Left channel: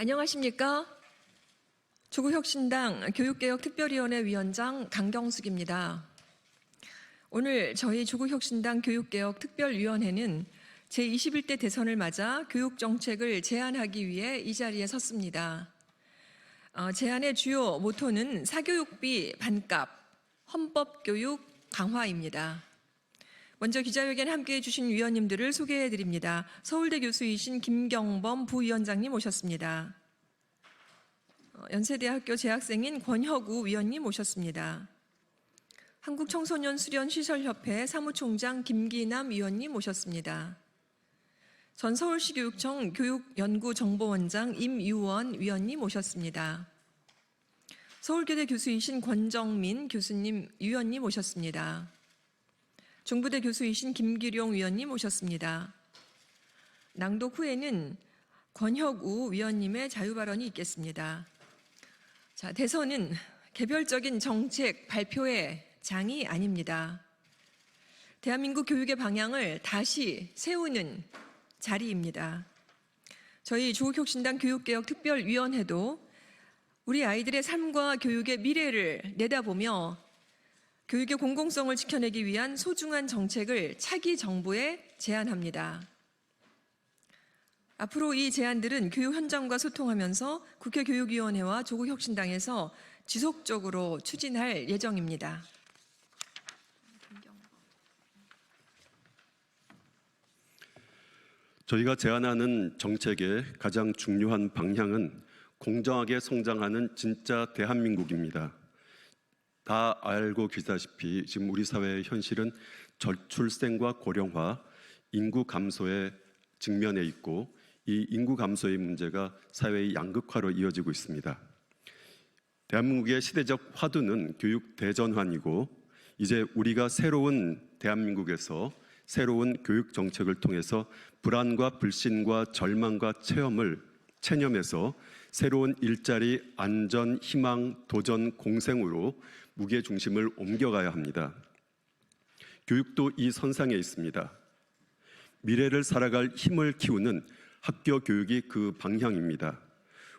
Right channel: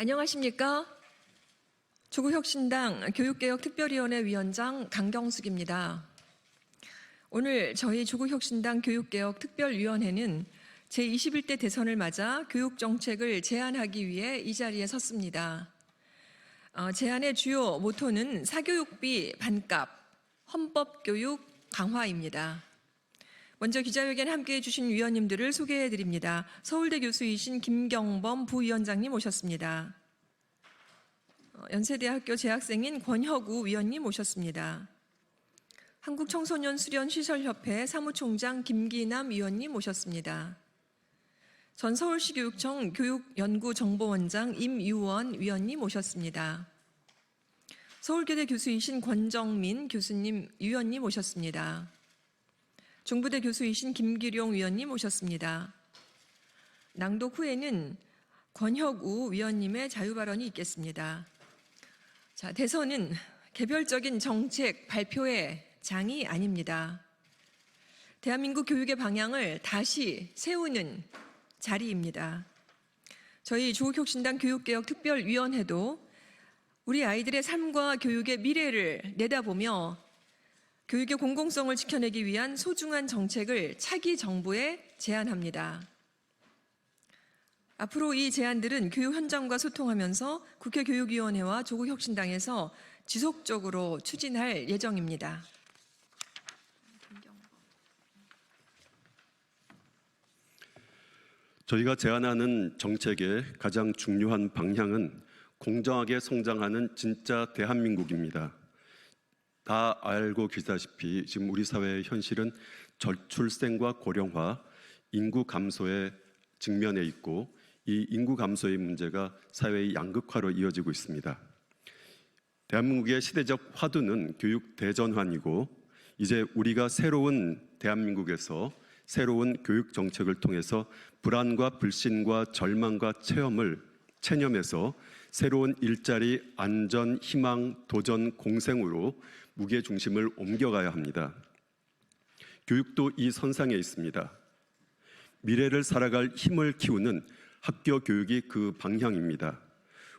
안녕하십니까? 조국혁신당 교육개혁특별위원회 위원장 강경숙입니다. 오늘 저희 조국혁신당 교육개혁특별위원회는 제21대 대선을 맞아 교육정책을 제안하기 위해 이 자리에 섰습니다. 제안의 주요 모토는 사교육비 반값, 헌법교육 강화입니다. 먼저 기자회견에 함께해 주신 위원님들을 소개해 드립니다. 서울대 교수이신 김경범 부위원장님 오셨습니다. 연세대학교 재학생인 권혁우 위원님 오셨습니다. 한국청소년수련시설협회 사무총장 김기남 위원님 오셨습니다. 전 서울시 교육청 교육연구정보원장 임유원 위원님 오셨습니다. 서울교대 교수이신 권정민 교수님 위원님 오셨습니다. 중부대 교수이신 김기룡 위원님 오셨습니다. 낭독 후에는 권혁우 위원님의 자유발언이 있겠습니다. 자, 대선은 개별적인 정책 발표의 장이 아닙니다. 대한민국 교육의 방향을 다시 세우는 자리입니다. 저희 조국혁신당 교육개혁특별위원회도 우리 아이들의 삶과 교육의 미래를 내다보며 교육의 공공성을 지켜내기 위한 소중한 정책을 차기 정부에 제안합니다. 앞으로 이 제안들은 교육 현장과 소통하면서 국회 교육위원회와 조국혁신당에서 지속적으로 추진할 예정입니다. 저희가 제안하는 정책의 가장 중요한 방향은 공정하게 성장하는 진짜 대한민국입니다. 다 알고 계시다시피 지금 우리 사회의 현실은 저출생과 고령화, 인구 감소에 직면해 있고 이 인구 감소의 문제가 사회의 양극화로 이어지고 있습니다. 대한민국의 시대적 화두는 교육 대전환이고 이제 우리가 새로운 대한민국에서 새로운 교육 정책을 통해서 불안과 불신과 절망과 체념해서 새로운 일자리, 안전, 희망, 도전, 공생으로 무게중심을 옮겨가야 합니다. 교육도 이 선상에 있습니다. 미래를 살아갈 힘을 키우는 학교 교육이 그 방향입니다.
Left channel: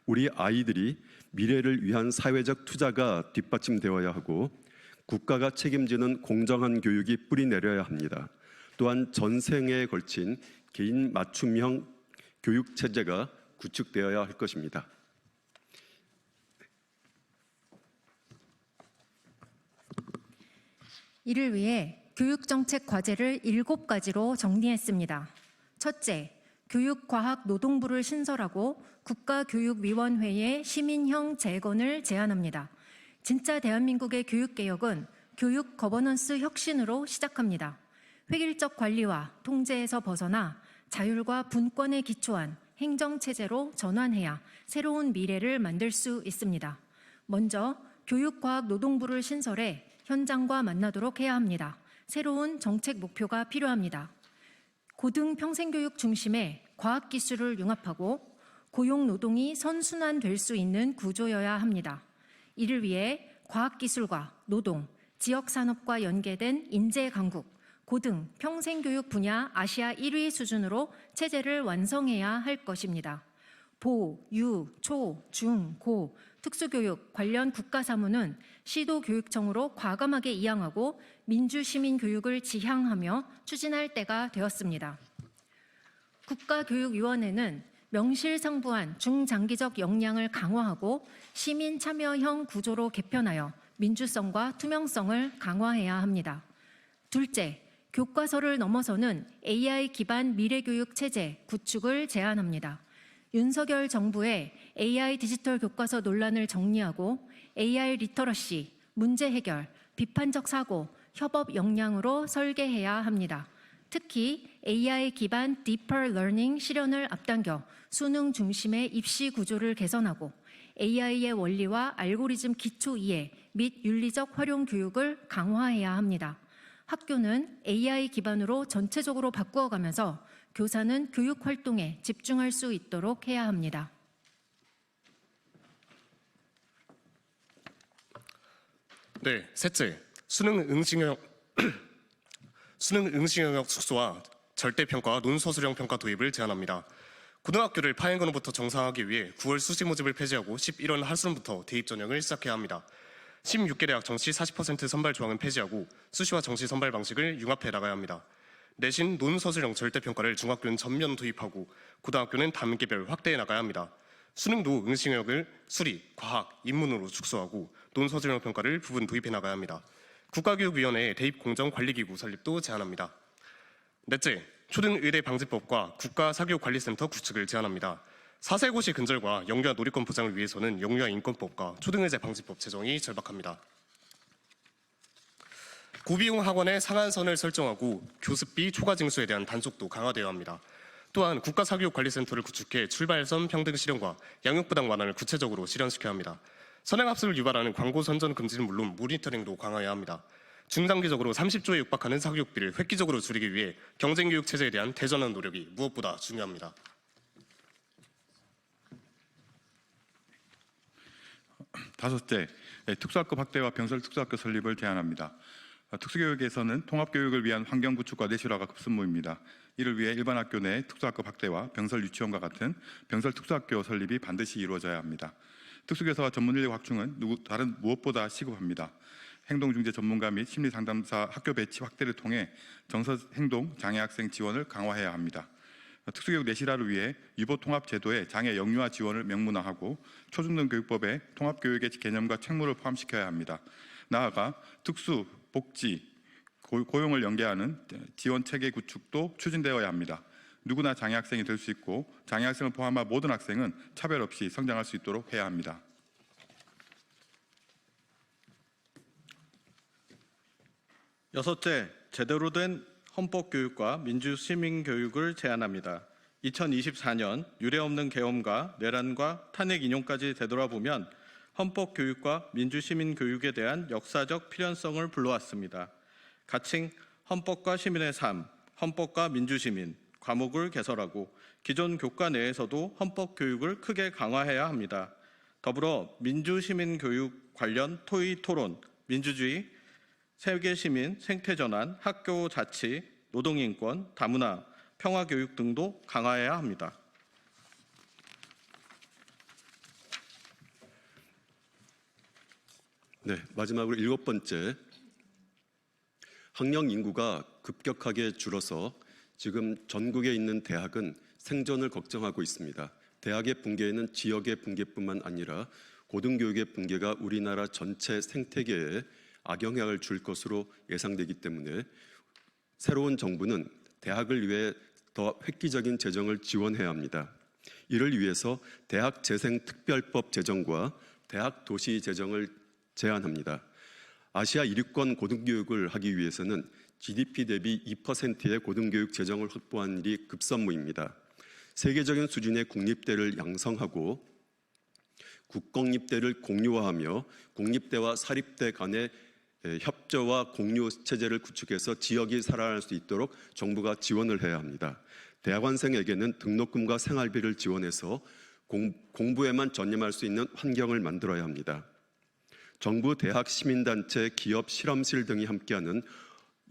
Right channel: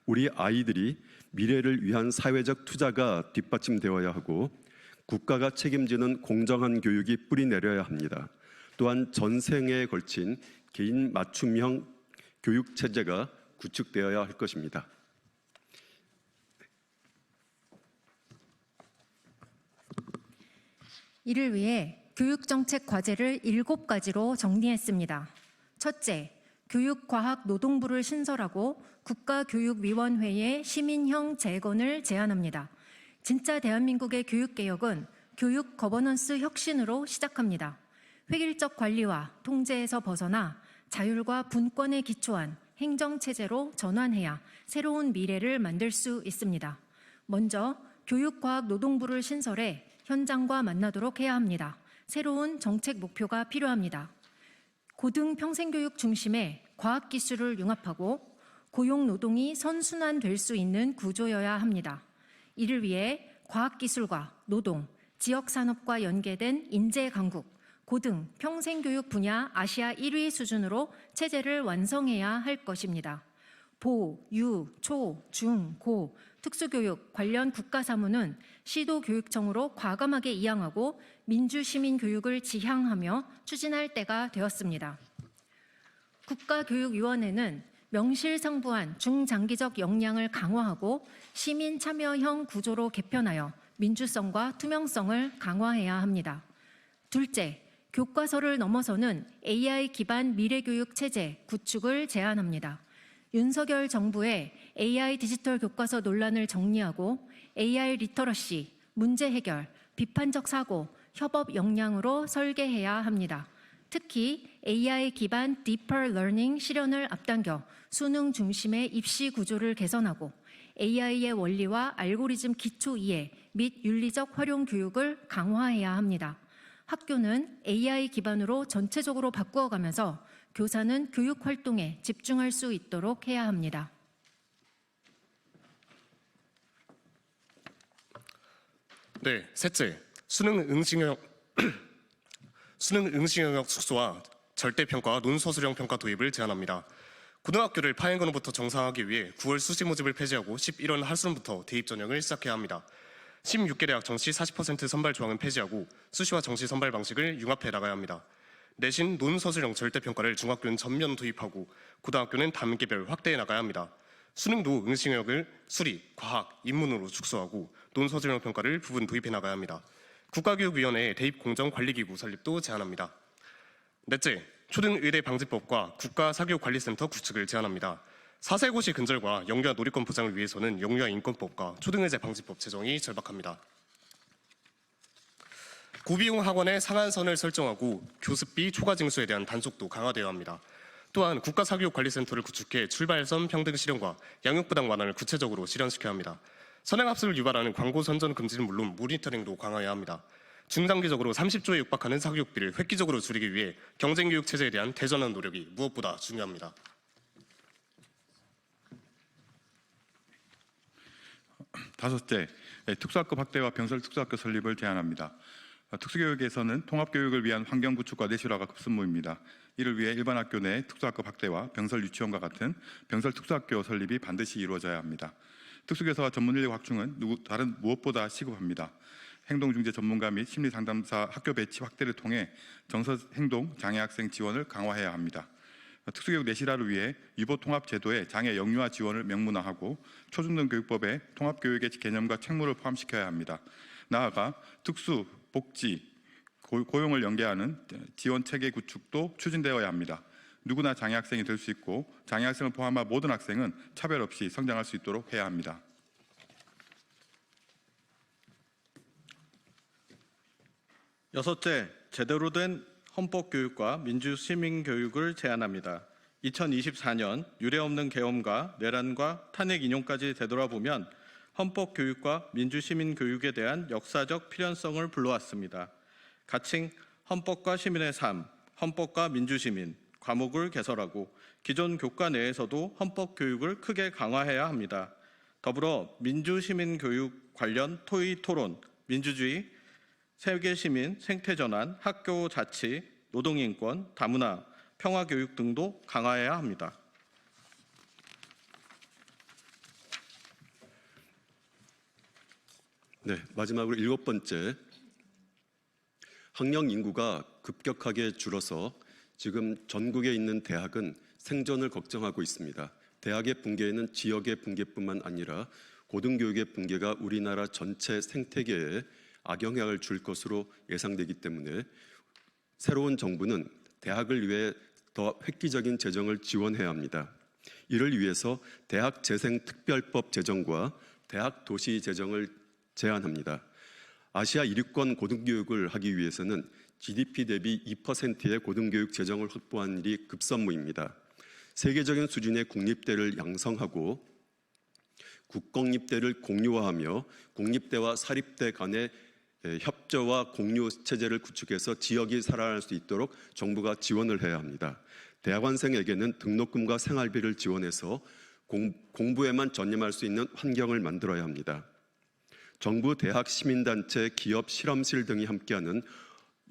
우리 아이들이 미래를 위한 사회적 투자가 뒷받침되어야 하고 국가가 책임지는 공정한 교육이 뿌리내려야 합니다. 또한 전생에 걸친 개인 맞춤형 교육 체제가 구축되어야 할 것입니다. 이를 위해 교육정책 과제를 7가지로 정리했습니다. 첫째, 교육과학노동부를 신설하고 국가교육위원회의 시민형 재건을 제안합니다. 진짜 대한민국의 교육개혁은 교육 거버넌스 혁신으로 시작합니다. 획일적 관리와 통제에서 벗어나 자율과 분권에 기초한 행정체제로 전환해야 새로운 미래를 만들 수 있습니다. 먼저 교육과학노동부를 신설해 현장과 만나도록 해야 합니다. 새로운 정책 목표가 필요합니다. 고등평생교육 중심의 과학기술을 융합하고 고용노동이 선순환될 수 있는 구조여야 합니다. 이를 위해 과학기술과 노동, 지역산업과 연계된 인재강국, 고등, 평생교육 분야 아시아 1위 수준으로 체제를 완성해야 할 것입니다. 보, 유, 초, 중, 고, 특수교육 관련 국가사무는 시도교육청으로 과감하게 이양하고 민주시민교육을 지향하며 추진할 때가 되었습니다. 국가교육위원회는 명실상부한 중장기적 역량을 강화하고 시민참여형 구조로 개편하여 민주성과 투명성을 강화해야 합니다. 둘째, 교과서를 넘어서는 AI 기반 미래교육 체제 구축을 제안합니다. 윤석열 정부의 AI 디지털 교과서 논란을 정리하고 AI 리터러시, 문제 해결, 비판적 사고, 협업 역량으로 설계해야 합니다. 특히 AI 기반 Deeper Learning 실현을 앞당겨 수능 중심의 입시 구조를 개선하고 AI의 원리와 알고리즘 기초 이해 및 윤리적 활용 교육을 강화해야 합니다. 학교는 AI 기반으로 전체적으로 바꾸어가면서 교사는 교육 활동에 집중할 수 있도록 해야 합니다. 네, 셋째, 수능 응시 영역 축소와 절대평가와 논소수령 평가 도입을 제안합니다. 고등학교를 파행근호부터 정상화하기 위해 9월 수시 모집을 폐지하고 11월 하순부터 대입 전형을 시작해야 합니다. 16개 대학 정시 40% 선발 조항은 폐지하고 수시와 정시 선발 방식을 융합해 나가야 합니다. 내신 논서술형 절대평가를 중학교는 전면 도입하고 고등학교는 단계별 확대해 나가야 합니다. 수능도 응시능력을 수리, 과학, 인문으로 축소하고 논서술형 평가를 부분 도입해 나가야 합니다. 국가교육위원회 대입공정관리기구 설립도 제안합니다. 넷째, 초등의대 방지법과 국가사교육관리센터 구축을 제안합니다. 4세고시 근절과 영유아 놀이권 보장을 위해서는 영유아 인권법과 초등의대 방지법 제정이 절박합니다. 고비용 학원의 상한선을 설정하고 교습비 초과 징수에 대한 단속도 강화되어야 합니다. 또한 국가사교육관리센터를 구축해 출발선 평등 실현과 양육부당 완화를 구체적으로 실현시켜야 합니다. 선행학습을 유발하는 광고 선전 금지는 물론 모니터링도 강화해야 합니다. 중장기적으로 30조에 육박하는 사교육비를 획기적으로 줄이기 위해 경쟁교육 체제에 대한 대전환 노력이 무엇보다 중요합니다. 다섯째, 특수학급 확대와 병설 특수학교 설립을 제안합니다. 특수교육에서는 통합교육을 위한 환경 구축과 내실화가 급선무입니다. 이를 위해 일반 학교 내 특수학급 확대와 병설 유치원과 같은 병설 특수학교 설립이 반드시 이루어져야 합니다. 특수교사와 전문인력 확충은 다른 무엇보다 시급합니다. 행동중재 전문가 및 심리상담사 학교 배치 확대를 통해 정서행동 장애 학생 지원을 강화해야 합니다. 특수교육 내실화를 위해 유보통합제도에 장애 영유아 지원을 명문화하고 초중등교육법에 통합교육의 개념과 책무를 포함시켜야 합니다. 나아가 특수, 복지, 고용을 연계하는 지원체계 구축도 추진되어야 합니다. 누구나 장애학생이 될 수 있고 장애학생을 포함한 모든 학생은 차별 없이 성장할 수 있도록 해야 합니다. 여섯째, 제대로 된 헌법교육과 민주시민교육을 제안합니다. 2024년 유례없는 계엄과 내란과 탄핵 인용까지 되돌아보면 헌법교육과 민주시민교육에 대한 역사적 필연성을 불러왔습니다. 가칭 헌법과 시민의 삶, 헌법과 민주시민 과목을 개설하고 기존 교과 내에서도 헌법교육을 크게 강화해야 합니다. 더불어 민주시민교육 관련 토의 토론, 민주주의, 세계시민, 생태전환, 학교 자치, 노동인권, 다문화, 평화교육 등도 강화해야 합니다. 네, 마지막으로 일곱 번째, 학령 인구가 급격하게 줄어서 지금 전국에 있는 대학은 생존을 걱정하고 있습니다. 대학의 붕괴에는 지역의 붕괴뿐만 아니라 고등교육의 붕괴가 우리나라 전체 생태계에 악영향을 줄 것으로 예상되기 때문에 새로운 정부는 대학을 위해 더 획기적인 재정을 지원해야 합니다. 이를 위해서 대학재생특별법 제정과 대학도시 제정을 제안합니다. 아시아 1위권 고등교육을 하기 위해서는 GDP 대비 2%의 고등교육 재정을 확보하는 일이 급선무입니다. 세계적인 수준의 국립대를 양성하고 국공립대를 공유화하며 공립대와 사립대 간의 협조와 공유 체제를 구축해서 지역이 살아날 수 있도록 정부가 지원을 해야 합니다. 대학원생에게는 등록금과 생활비를 지원해서 공부에만 전념할 수 있는 환경을 만들어야 합니다. 정부, 대학, 시민단체, 기업, 실험실 등이 함께하는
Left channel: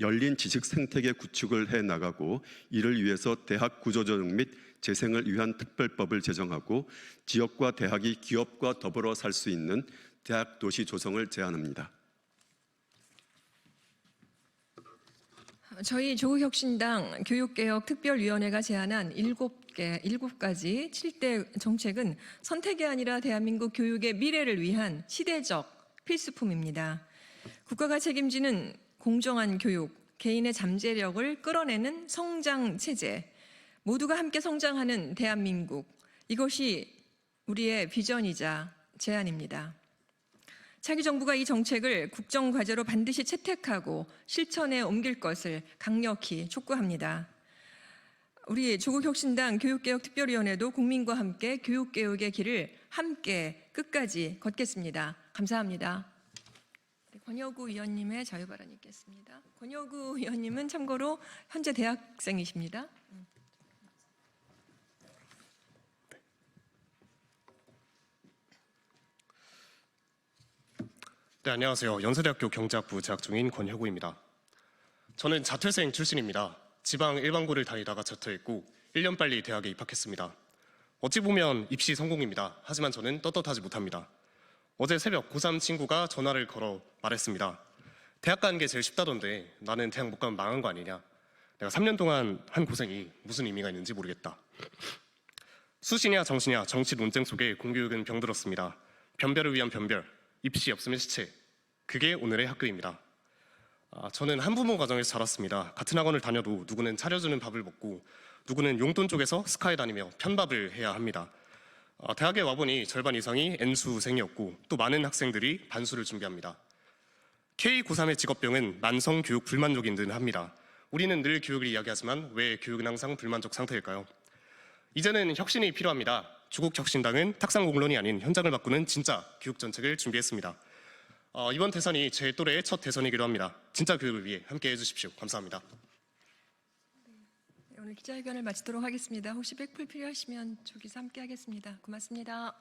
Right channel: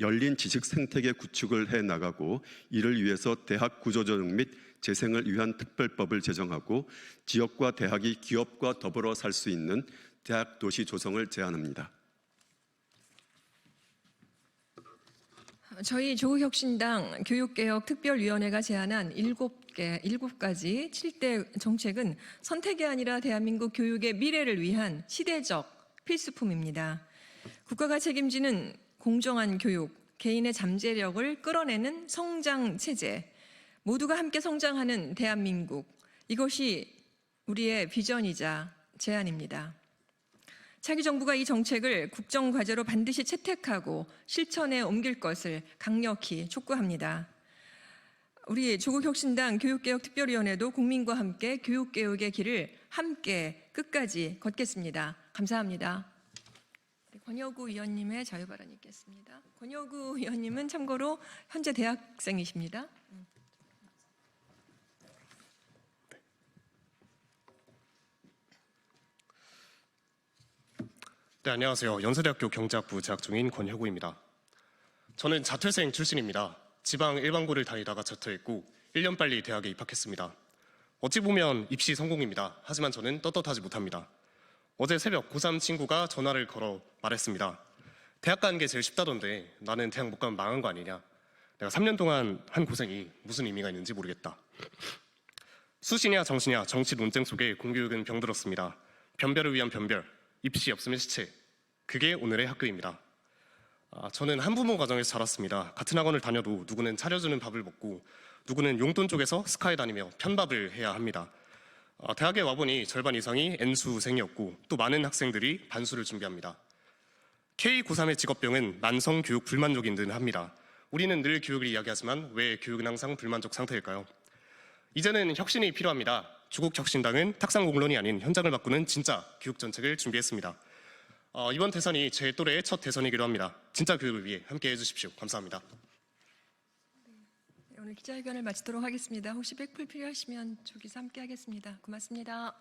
열린 지식 생태계 구축을 해나가고 이를 위해서 대학 구조조정 및 재생을 위한 특별법을 제정하고 지역과 대학이 기업과 더불어 살 수 있는 대학 도시 조성을 제안합니다. 저희 조국혁신당 교육개혁특별위원회가 제안한 7가지 7대 정책은 선택이 아니라 대한민국 교육의 미래를 위한 시대적 필수품입니다. 국가가 책임지는 공정한 교육, 개인의 잠재력을 끌어내는 성장 체제, 모두가 함께 성장하는 대한민국, 이것이 우리의 비전이자 제안입니다. 차기 정부가 이 정책을 국정과제로 반드시 채택하고 실천에 옮길 것을 강력히 촉구합니다. 우리 조국혁신당 교육개혁특별위원회도 국민과 함께 교육개혁의 길을 함께 끝까지 걷겠습니다. 감사합니다. 권여구 의원님의 자유발언이 있겠습니다. 권여구 의원님은 참고로 현재 대학생이십니다. 네, 안녕하세요. 연세대학교 경제학부 재학 중인 권혁우입니다. 저는 자퇴생 출신입니다. 지방 일반고를 다니다가 자퇴했고 1년 빨리 대학에 입학했습니다. 어찌 보면 입시 성공입니다. 하지만 저는 떳떳하지 못합니다. 어제 새벽 고3 친구가 전화를 걸어 말했습니다. 대학 가는 게 제일 쉽다던데 나는 대학 못 가면 망한 거 아니냐. 내가 3년 동안 한 고생이 무슨 의미가 있는지 모르겠다. 수시냐 정시냐 정치 논쟁 속에 공교육은 병들었습니다. 변별을 위한 변별, 입시 없으면 시체. 그게 오늘의 학교입니다. 저는 한부모 가정에서 자랐습니다. 같은 학원을 다녀도 누구는 차려주는 밥을 먹고 누구는 용돈 쪽에서 스카에 다니며 편밥을 해야 합니다. 대학에 와보니 절반 이상이 N수생이었고 또 많은 학생들이 반수를 준비합니다. K-93의 직업병은 만성 교육 불만족인 듯 합니다. 우리는 늘 교육을 이야기하지만 왜 교육은 항상 불만족 상태일까요? 이제는 혁신이 필요합니다. 조국혁신당은 탁상공론이 아닌 현장을 바꾸는 진짜 교육 정책을 준비했습니다. 이번 대선이 제 또래의 첫 대선이기도 합니다. 진짜 교육을 위해 함께해 주십시오. 감사합니다. 오늘 기자회견을 마치도록 하겠습니다. 혹시 백풀 필요하시면 저기서 함께 하겠습니다. 고맙습니다.